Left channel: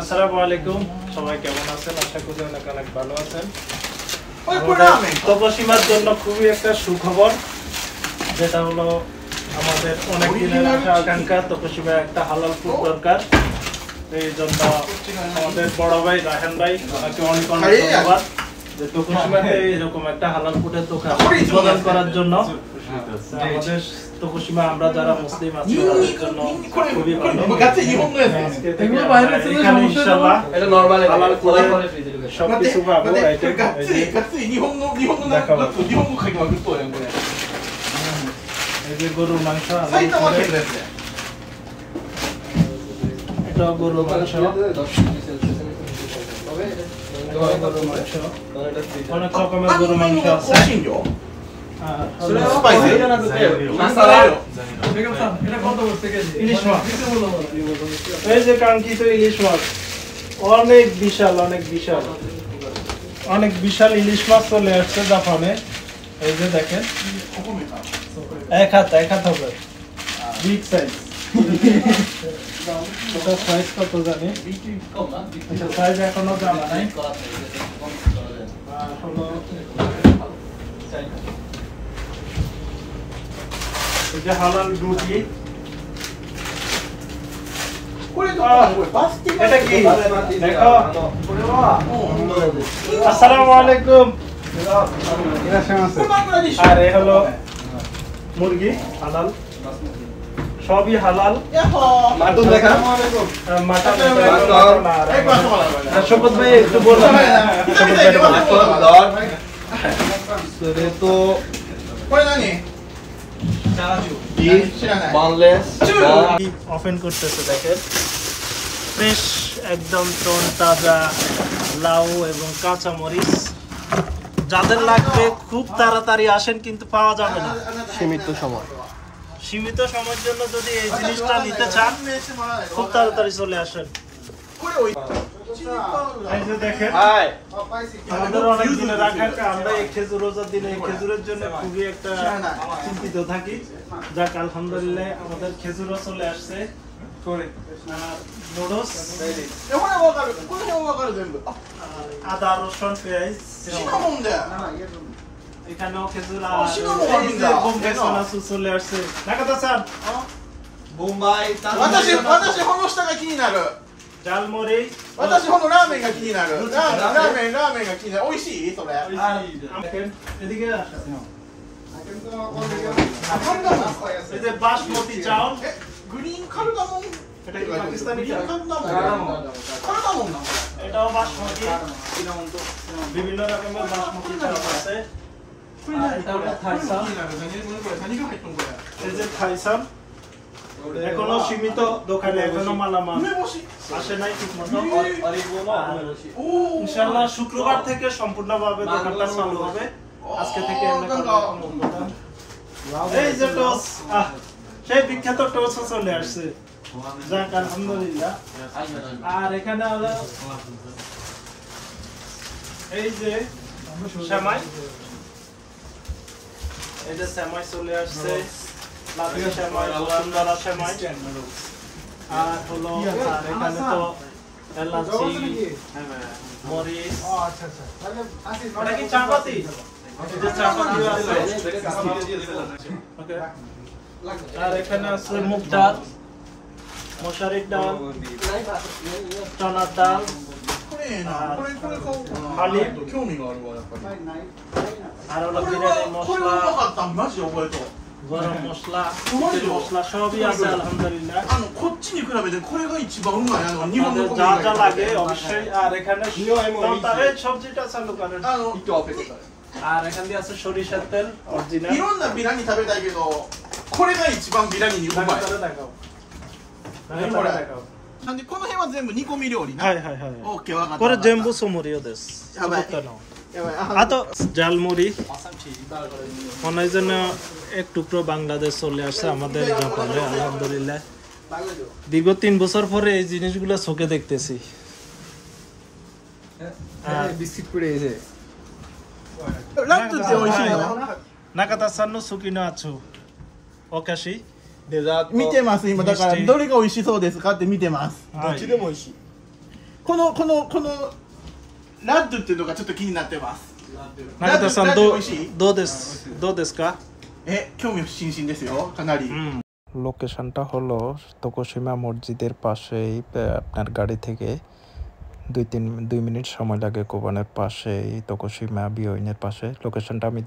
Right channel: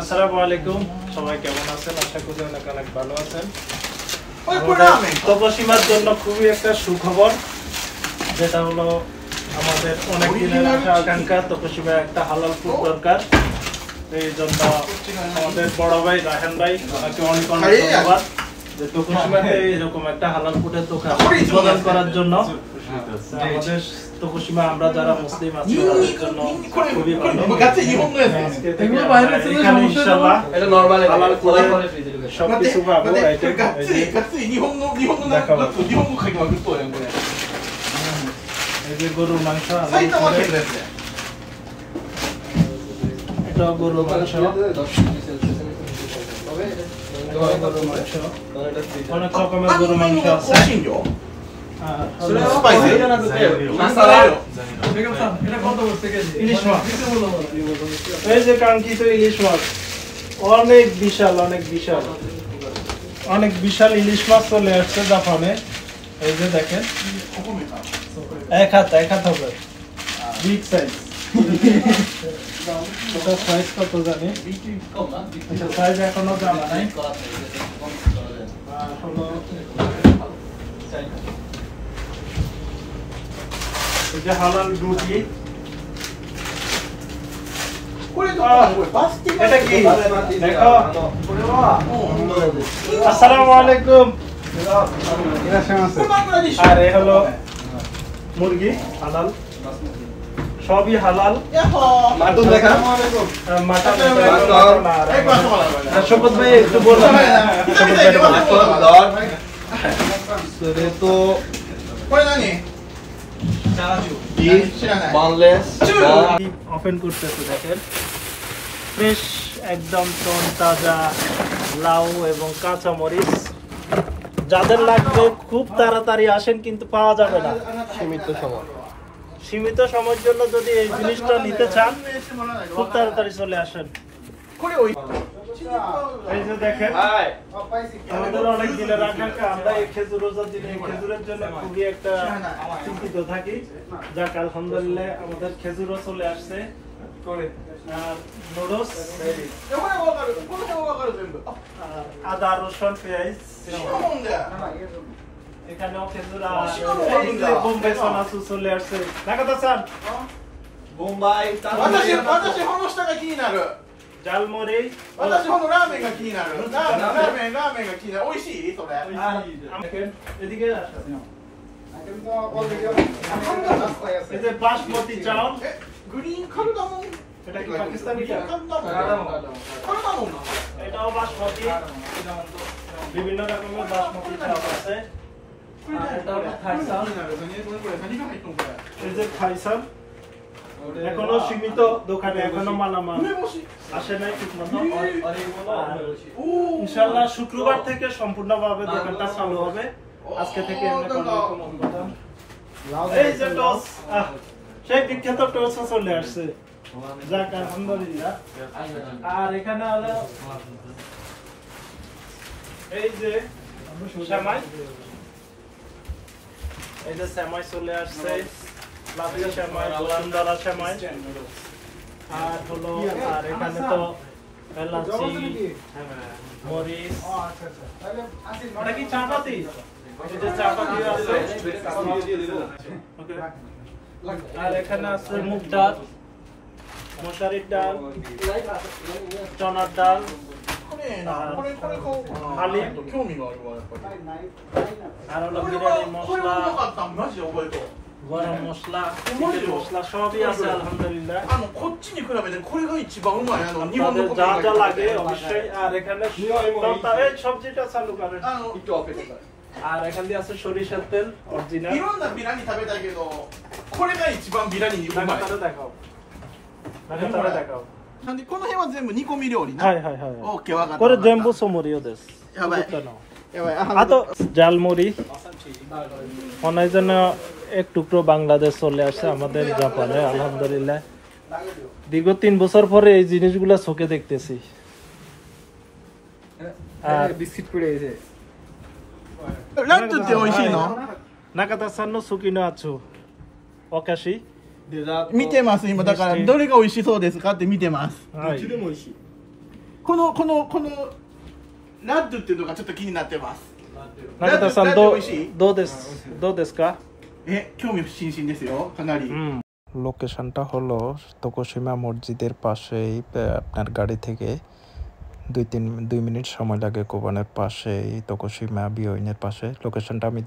আসসালামু আলাইকুম, সবাই কেমন আছেন? আশা করি অনেক অনেক ভালো আছেন। তপসীমার জন্য খুবই একটা সুখবর, যেটা হলো আমাদের অনেক দিনের আকাঙ্ক্ষা। তপসীমায় একটা হালাল ফুড দরকার, এই জন্য আমাদের বড় ভাই রাহান ভাই ওনাকে অনেক অনেক ধন্যবাদ যে তপসীমাতে এরকম একটা হালাল ফুডের দোকান প্রদান করার জন্য। আমাদের তপসীমা আমরা যারা মুসলিম আছি তাদের জন্য খুবই ভালো। এখানে ইনশাআল্লাহ এটা নরমাল হালাল ফুডের সবকিছু পাবো। এই যে গরুর মাংস, এটা গরুর মাংস, অনেক রকমের গরুর মাংস আছে। এই যে কাঙ্ক্ষিত ইলিশ মাছ, অনেক বিশাল অনেক বিশাল অনেক বিশাল ইলিশ মাছ চলে আসছে জাপানে। এই যে দেখেন, এক হাত হবে, বিগ সাইজ। এটা সাইজ কত জানি, সাইজ এখনো জানা নাই। এটা হালাল রুটি। এটা কি দেখো। আসসালামু আলাইকুম। আর এ হলো মুরগি, হালাল, সবই হালাল। মাটন দেখা, মাটন শপথ ভাই একটু বলুন। তো ওপেন করতেছে, দেখেন ফ্রেশ একদম তাজা লাউ এবং কাঁচা মরিচ। যাদের লাগবে খুব তাড়াতাড়ি আসেন, কিন্তু পাওয়া যাবে না সীমিত সময়ের জন্য। যদি এই জিনিসটা নিতে চান খুব তাড়াতাড়ি চলে আসেন। এই যে দেখেন, আমাদের অনেক দিনের আকাঙ্ক্ষা। আমরা এই খেজুর রোজার দিনে খেজুরের জন্য খুবই একটা চিন্তিত থাকি। যাক আলহামদুলিল্লাহ আমাদের খেজুরও চলে আসছে। নুডলস, আদা রসুন পেঁয়াজ, এখানেও খেজুর। বোম্বাই সোনাসু চলে আসছে। নাকাতা-সান বোম্বাই জালমুড়ি, বাসমতি চাউল, এটা কি পাকিস্তানি চাল? এটাও বাসমতি, বিভিন্ন রকমের বাসমতি চাউল আছে। এই যে থাইসান, এখনো সীমিত দোকানে, এখনো মালামাল আসে নাই ঠিক মতো। ইনশাআল্লাহ শুক্রবার থেকে সম্পূর্ণভাবে দোকানটা চালু হবে। আজকে থেকে এই যে টোস, সেই বিখ্যাত টোস চলে আসছে। যাক আলহামদুলিল্লাহ। আর এখানে হলো এই যে সেমাই, এই যে সেমাই চলে আসছে, লাভি সেমাই, বসুন্ধরা সেমাই। আর হলো, আর এখানে তো এলাচি, মরিচ, এটা কি চাপাতি? এই যে চাপাতি আছে। আর এখানে আছে মুগ ডাল, মশারির ডাল, চনার ডাল, আর হলো বিরিয়ানি মশলা, গরম মশলা, চিকেন মশলা, সবই আছে আলহামদুলিল্লাহ। যা যা লাগে অবশ্যই। আর এখানে সবজিটা চালু করেন। আর এখান দিয়ে আছে সরিষার তেল অরিজিনাল। দেখাও।これ全部ソムリオです。作ったの。あとজালমুড়ি, মনে হয় যেন এক টুকরো বাংলাদেশ চলে আসছে আমাদের জাপানে আলহামদুলিল্লাহ। দীর্ঘ 3 বছর পরে এই জিনিসগুলো চোখে দেখতেছি। বিস্কিট পড়ে গেছে। নাকাতা-সানの好きなやつお菓子見てます今だからどれが美味しそうですかって見てます。どっちでも美味しい。このラッドっていうのがちょっと気になってます。中田さん、どうですか？興味津々ですよ、かなり。লোকেশনটা হলো তকোশিমা মসজিদের পাশেই, আপনার গাড়ি থেকে 2 মিনিট সময় লাগে কোবানের পাশেই, তকোশিমা বিওইনের পাশে। লোকেশনটা আমি